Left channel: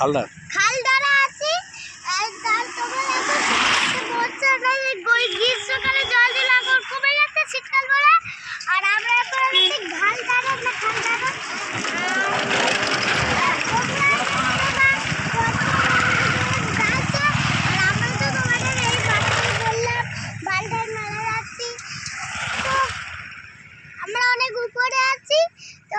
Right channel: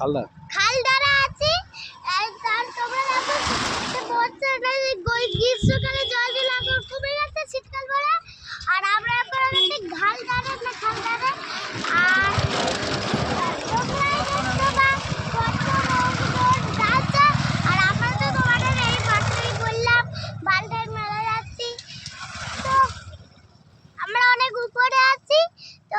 খালদার খালদারা আছি। তার তোমরা দেখো বছরটা গ্রীষ্মকালে জল দিলে এখন কমে যাচ্ছে শীতকাল বলে। আর আমরা এখন খালদারা না খালদারা আর আমরা তো তোমাদের এই মাঠেই বললাম বালটার মেলা যাচ্ছি। তো আমরা অনেক উপরে আছি। তো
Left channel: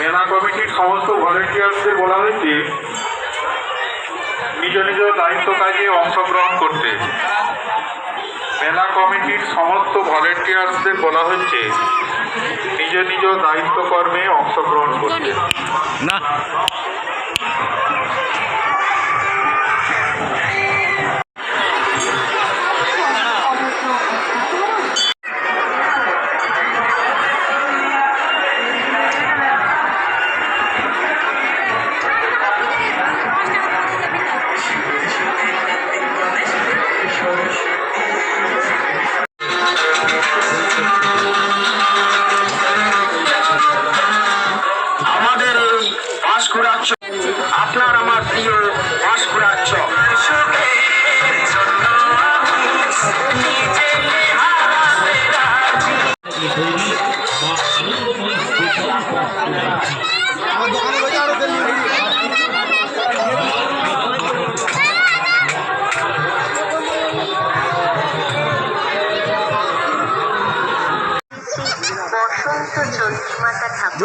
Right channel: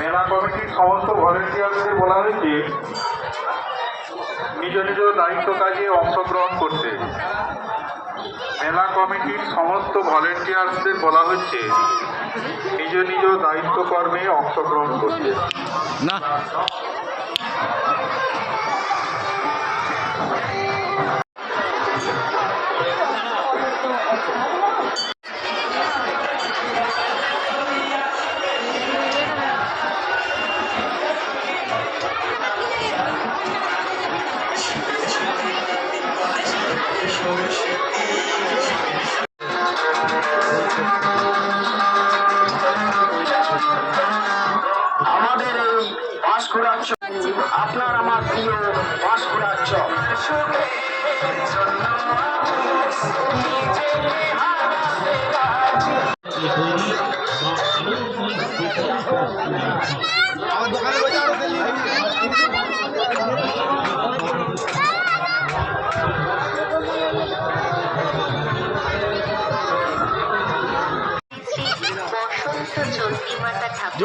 মেলা কমিটির সমস্ত ভলেন্টিয়ারদের বলা হয়েছে নিজ নিজ দায়িত্ব কাজে অংশগ্রহণ করতে। মেলা কমিটির সমস্ত ভলেন্টিয়ারদের বলা হচ্ছে নিজ নিজ দায়িত্ব কর্মে অংশগ্রহণ করতে। না আমাদের এই পাঁশকুড়ার চক, আপনার আমার প্রিয় পাঁশকুড়ার চক। বসন্ত চন্দ্রিমাতা ঠাকুর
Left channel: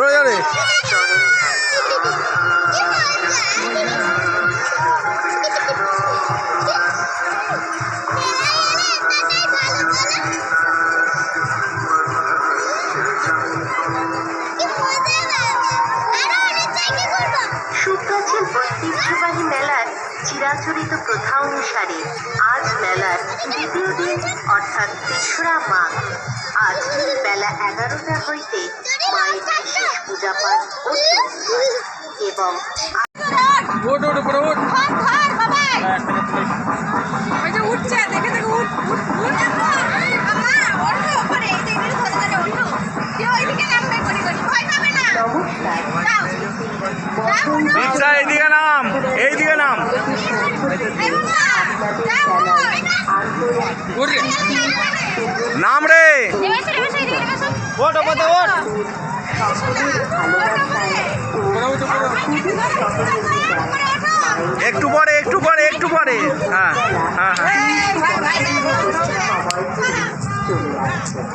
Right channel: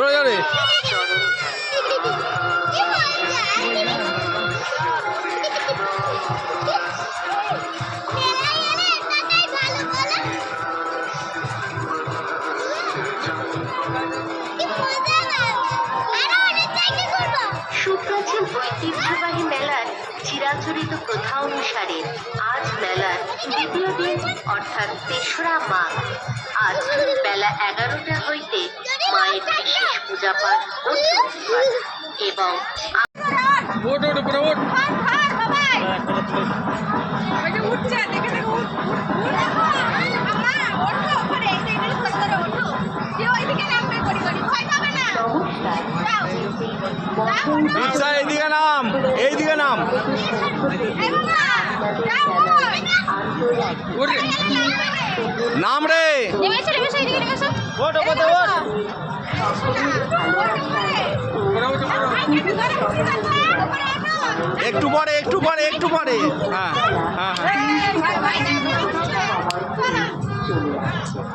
চরণ সুপ্রাচীন ঐতিহ্যবাহী মেলার চিরাচরিত প্রথা অনুসারে আজ মেলার দ্বিতীয় দিন অর্থাৎ ৩রা মাঘ। আজ বেলা 11টা হইতে মায়ের বিশেষ পূজাপাঠ ও এবং এইদিকে নাম, এইদিকে নাম। নাম রে ওট ওপরে ওট। একটু পরে একটু পরে একটু পরে। হ্যাঁ হ্যাঁ হ্যাঁ চলে আসছে।